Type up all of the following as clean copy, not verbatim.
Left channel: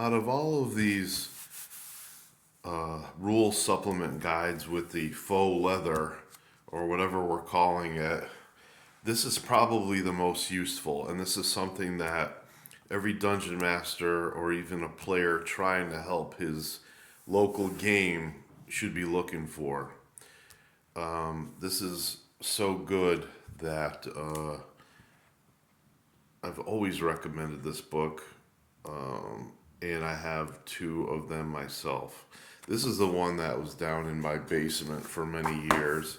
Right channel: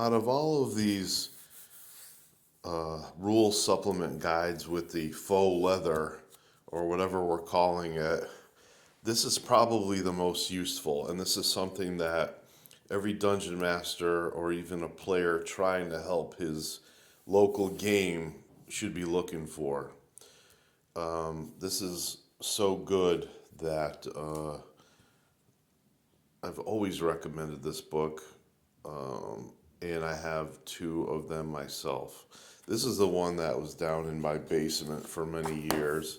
Out of all of these rule supplement guides with the faux leather, or whatever we're calling it, this is probably the most useful. And this is something that every dungeon master or even a player trying to help his local game should be looking for. This is so good that I've always recommended this book, and I have two of them myself. This is the one that was down in my basement for many years,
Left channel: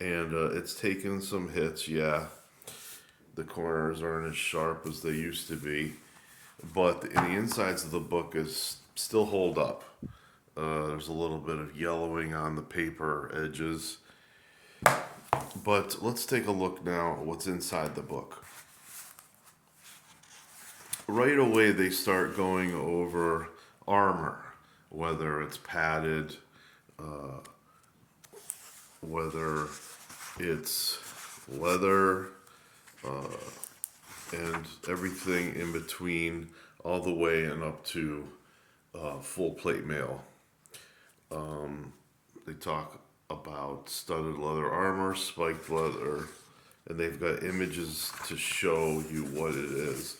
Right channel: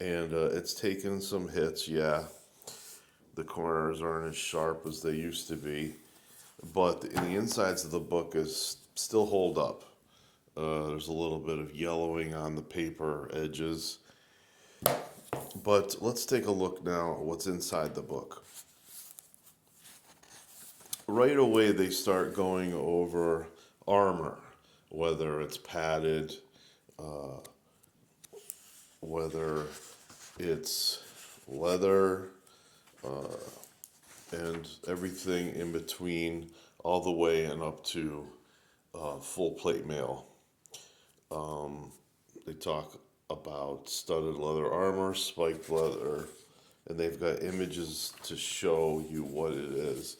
and it's taken some hits. Yeah, the corners aren't as sharp as they used to be, but the insides of the book is still hold up. There's a little bit of yellowing on the paper edges, but let's take a look now at what's inside the book. Right away, they start going over armor, whether it's padded, whether it's leather, and everything in between, all the way and up to full plate mail. They talk about studded leather armor, spiked leather, and they've got images to show you what it is.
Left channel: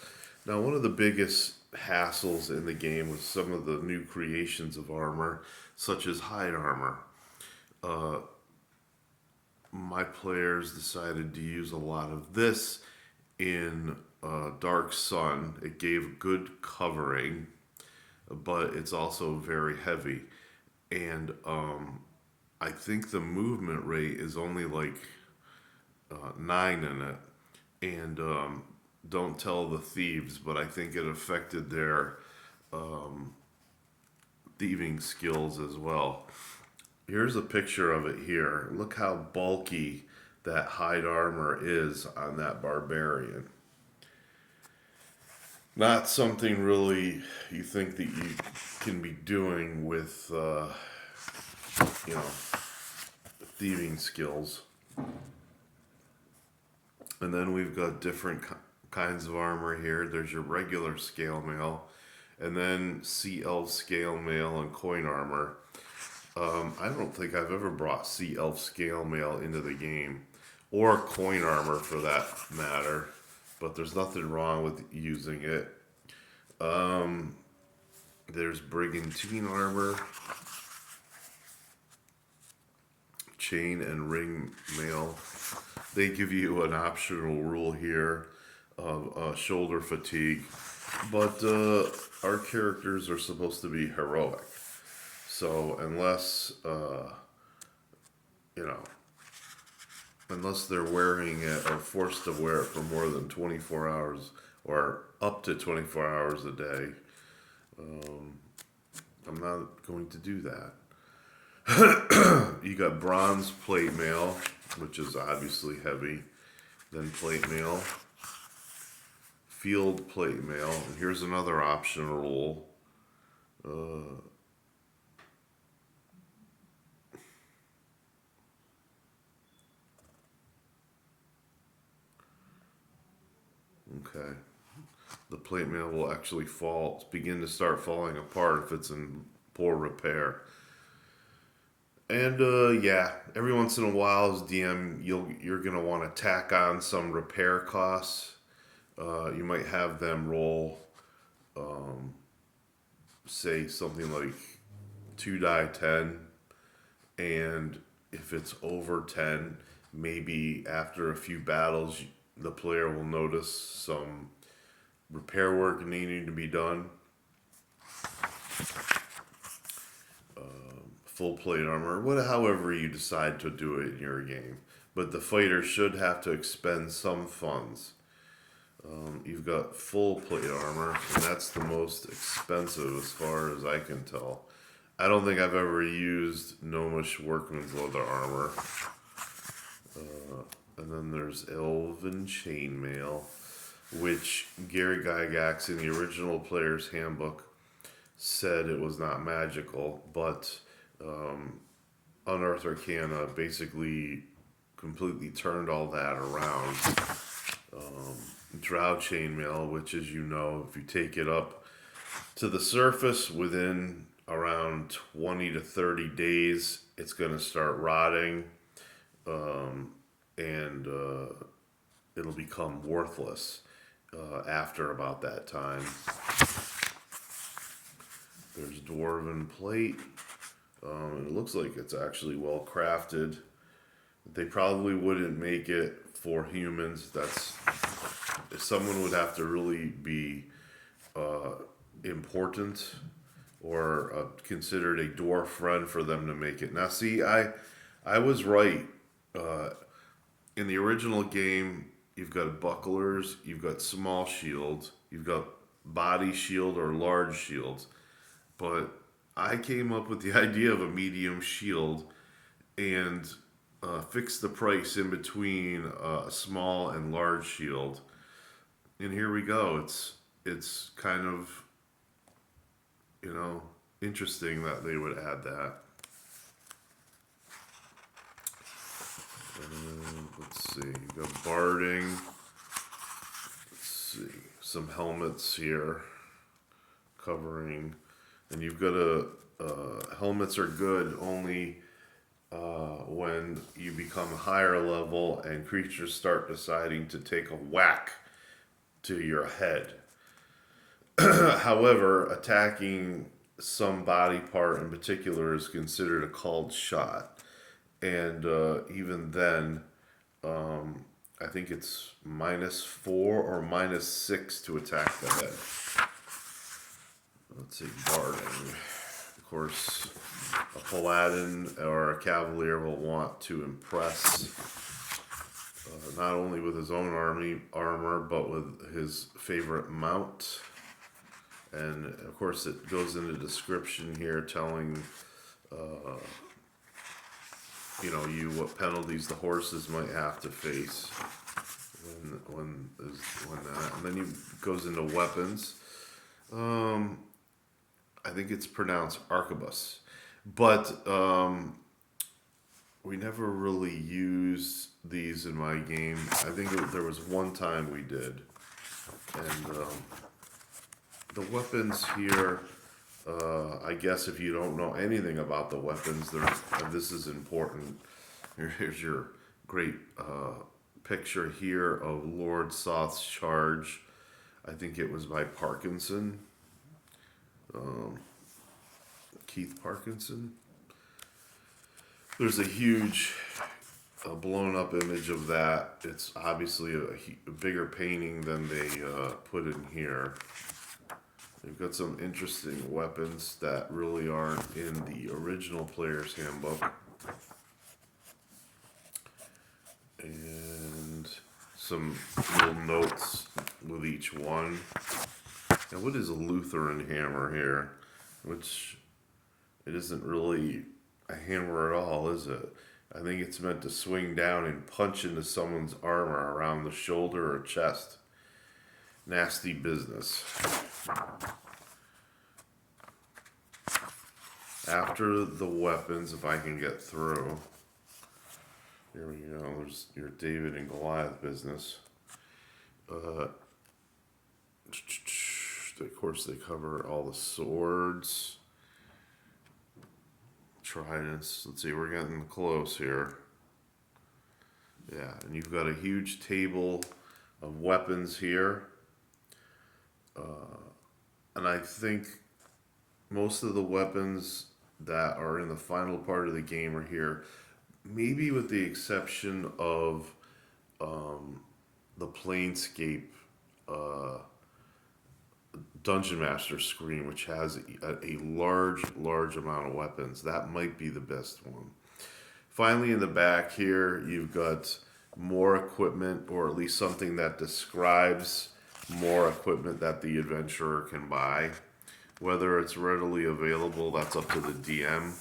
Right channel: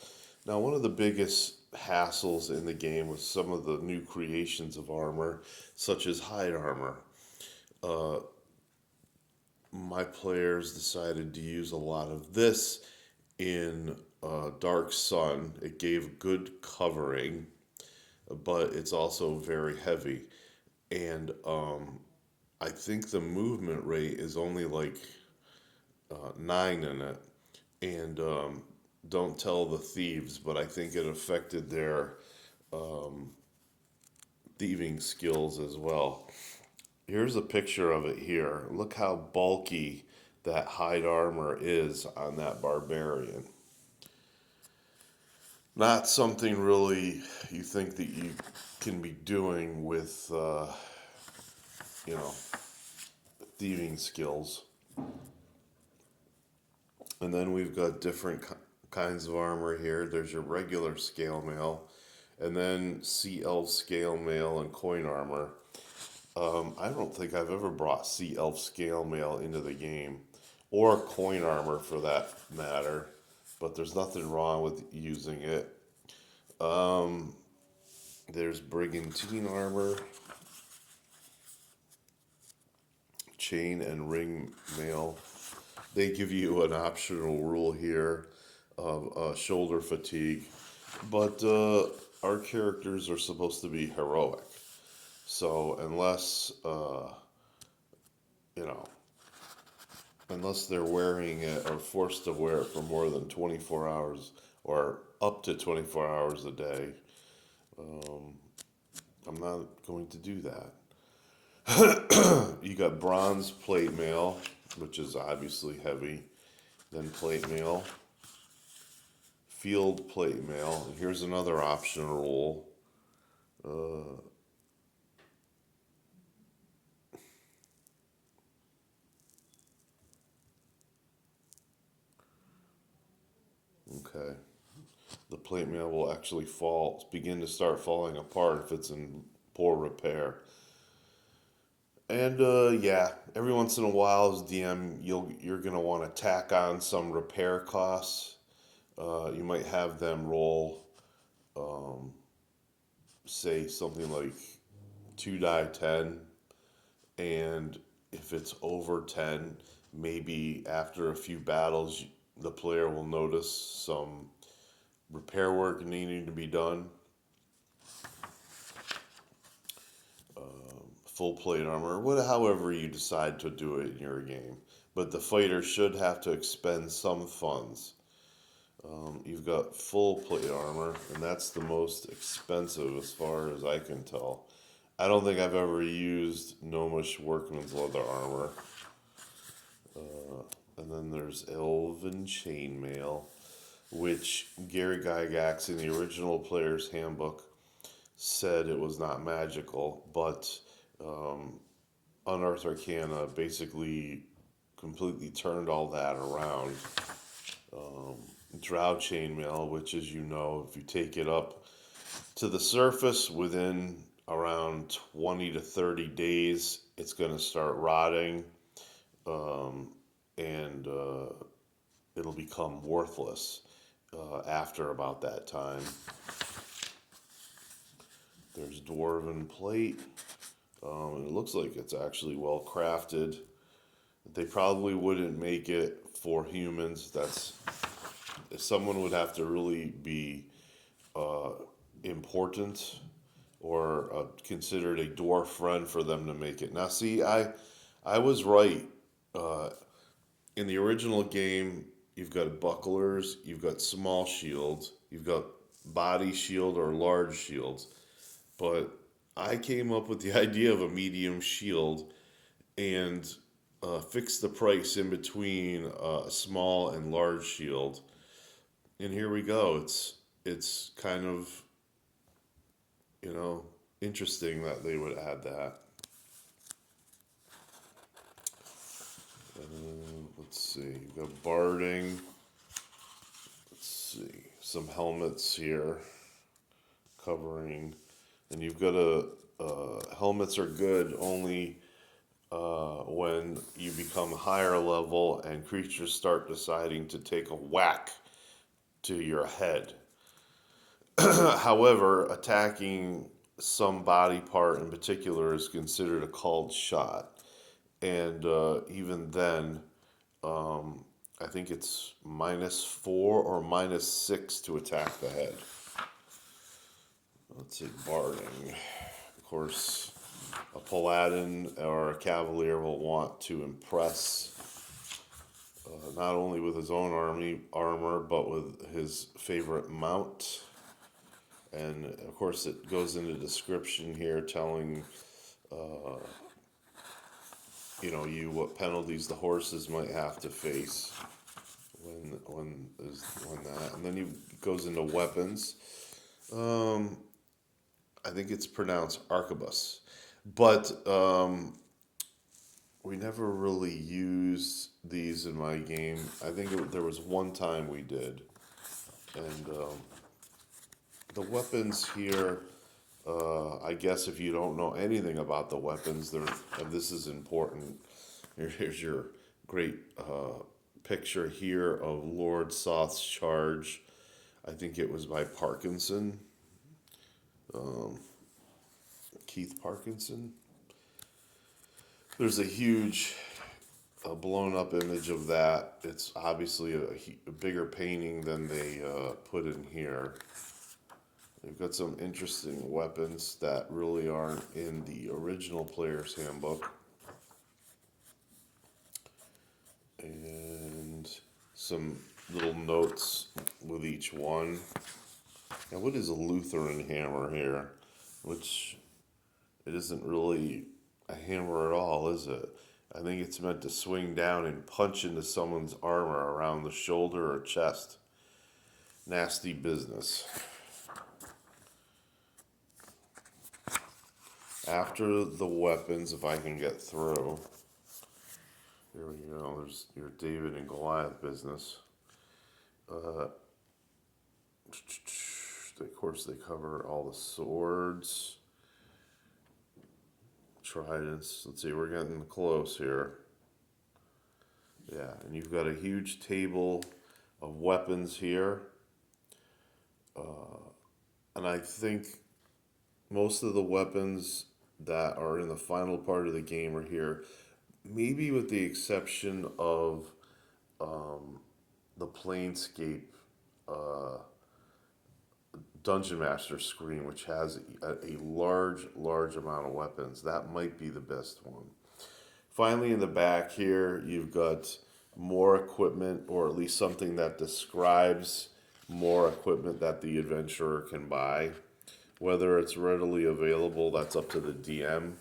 Now, one of the biggest hassles in the game was some of the new creations of armor, such as hide armor. My players decided to use a lot of this in Dark Sun. It gave good covering, but it's also very heavy. And I think the movement rate is only like 9 in it. And don't tell the thieves, but I think it affected their thieving skills as well. Here's a picture of it here. Look how bulky that hide armor is on that barbarian. Not something really you think that you can be doing with, you know, thieving skills. And then we've got different kinds of armor here. There's your regular scale mail, and then Sea Elf scale mail and coin armor. I don't think I've ever brought Sea Elf scale mail into the game, or coin armor for that matter, but there's nothing wrong with using it. There's Brigantine armor, chain and ring mail. They give you an optional rule here of shoulder fatigue, but our characters are supposed to be heroic. So you know, unless they're wearing it or forced to wear it for more than 24 hours or up to 24 hours a day, I'm not going to do that. You got bronze plate mail, which is obviously heavy, then plate mail, field plate mail, and here's another optional rule. Okay. The plate mail will actually begin to start falling apart if it's in poor repair. And yeah, every once in a while as DM, you're gonna want to tack on some repair costs. You might have them roll, say something like 2 die 10, and if it's over 10, maybe after a few battles, the player will notice some repair work needing to be done. Full plate armor, however you decide to do it in your game. But the fighter should have to expend some funds. You've got full plate armor, and that's the most expensive as far as I can tell. I don't think I've ever used Gnomish Workman's leather armor. And then there's Elven Chainmail, which Gary Gygax in the original Player's Handbook said it was not magical, but Unearthed Arcana basically completely turned all that around. Drow Chainmail, which, as you know, if you take it up to the surface within around 20 to 30 days. It's going to start rotting, and it'll become worthless after about that time. There's dwarven plate. It looks like it's actually well crafted. They probably wouldn't make it for humans. Someone would have to really be important or considered a dwarf friend for them to make it. Now, see, I was right. Uh, in the original game, you've got bucklers, you've got small shields, you've got body shield or large shields. But I came up with the idea of a medium shield and fixed the price in between a small and large shield. And here we go. It's kind of, you know, interesting that they would add that. Let's see, you've got barding. Let's see, some helmets here covering, and you've got helmets are good only when you become higher level and creatures start deciding to take a whack to your head. However, attacking some body part in particular is considered a called shot. And even then, I think it's -4 or -6 to attack the head. Let's see, barding. Of course, a paladin or a cavalier will want to impress not only with his own armor, but with his favorite mount. And of course, it goes into description here telling you what penalties the horses might have to face when that. And then it goes into weapons. I think it's pronounced arquebus, but we never really used these in my game. I think there was one time we did, and the weapons here. I guess if you don't know anything about the weapons, this is important. Here's your great picture here of Lord Soth's charge. I think it was by Parkinson. Keith Parkinson. There's a huge blown up image of that. It's obviously a bigger painting than they put in here. They've got some interesting weapons that really aren't in the original Player's Handbook. And some little notes with each one. And what is a Lutheran hammer here? Which it isn't really a hammer at all, is it? I think it's meant to swing down and punch into someone's armor around the shoulder or chest. Nasty business. After the weapons, if I can get through. Here we go. There's your David and Goliath business. Of course, they cover all the swords. Tridents. Let's see, we're getting close here. Yeah, and you've got a huge table of weapons here. And I think most of the weapons that are in the final part of the game are here. Maybe with the exception of the Planescape Dungeon Master screen, which has a large amount of weapons. That might be the best one. Finally, in the back here, you've got more equipment, or at least something that describes more equipment that the adventurer can buy. Whether it's readily available, that's up to the DM.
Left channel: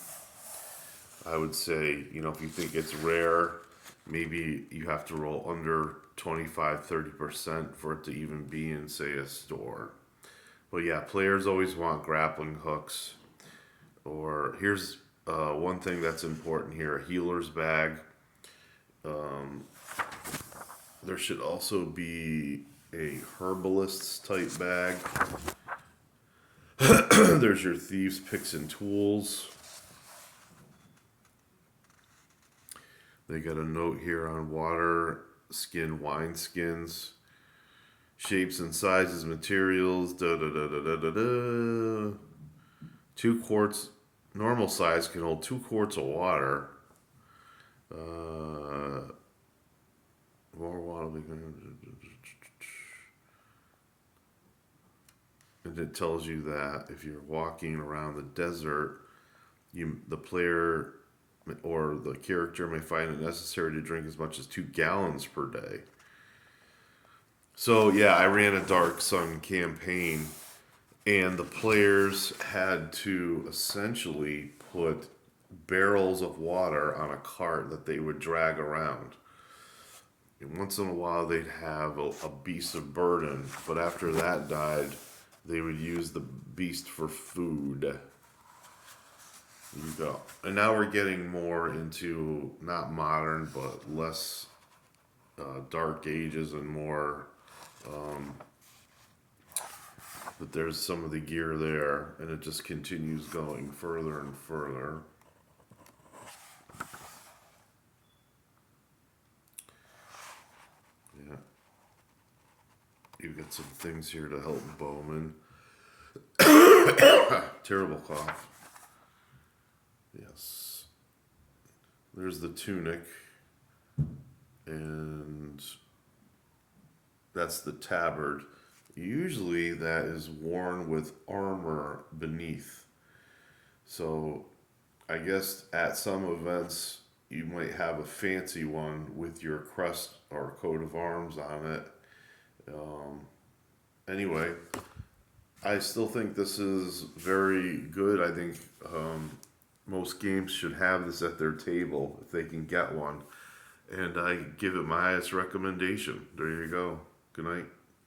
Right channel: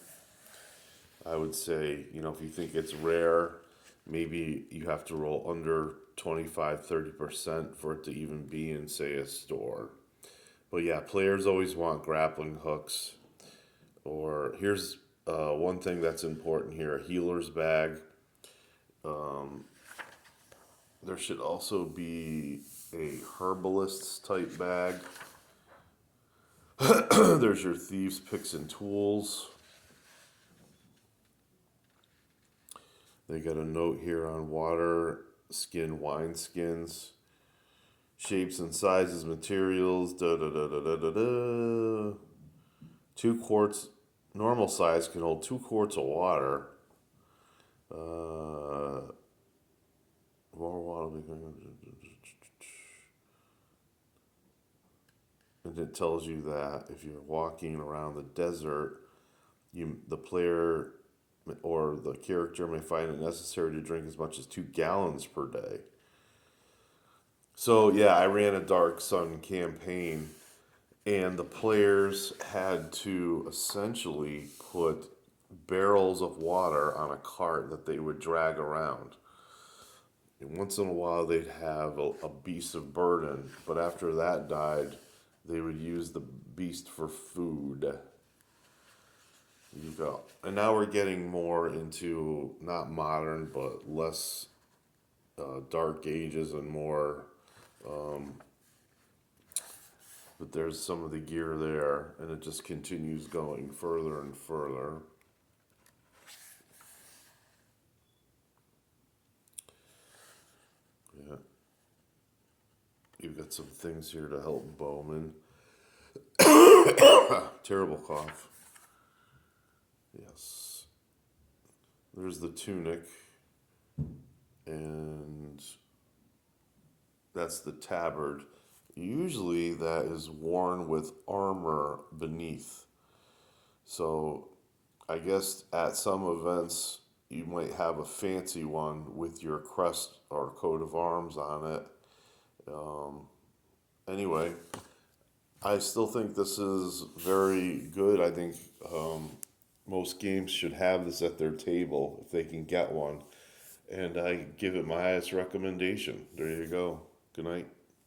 I would say, if you think it's rare, maybe you have to roll under 25-30% for it to even be in, say, a store. But yeah, players always want grappling hooks. Or here's one thing that's important here, a healer's bag. There should also be a herbalist's type bag. There's your thieves, picks, and tools. They got a note here on water, skin, wine skins, shapes and sizes, materials, da da da da da da da. 2 quarts, normal size can hold 2 quarts of water. More water. And it tells you that if you're walking around the desert, the player or the character may find it necessary to drink as much as 2 gallons per day. So yeah, I ran a Dark Sun campaign, and the players had to essentially put barrels of water on a cart that they would drag around. And once in a while they'd have a beast of burden, but after that died, they would use the beast for food. You go. And now we're getting more into not modern, but less dark ages and more. But there's some of the gear there, and it just continues going further and further. Yeah. You've got some things here to help Bowman. Terrible cough. Yes. There's the tunic, and that's the tabard. Usually that is worn with armor beneath. So I guess at some events you might have a fancy one with your crest or coat of arms on it. Anyway, I still think this is very good. I think most games should have this at their table if they can get one. And I give it my highest recommendation. There you go. Good night.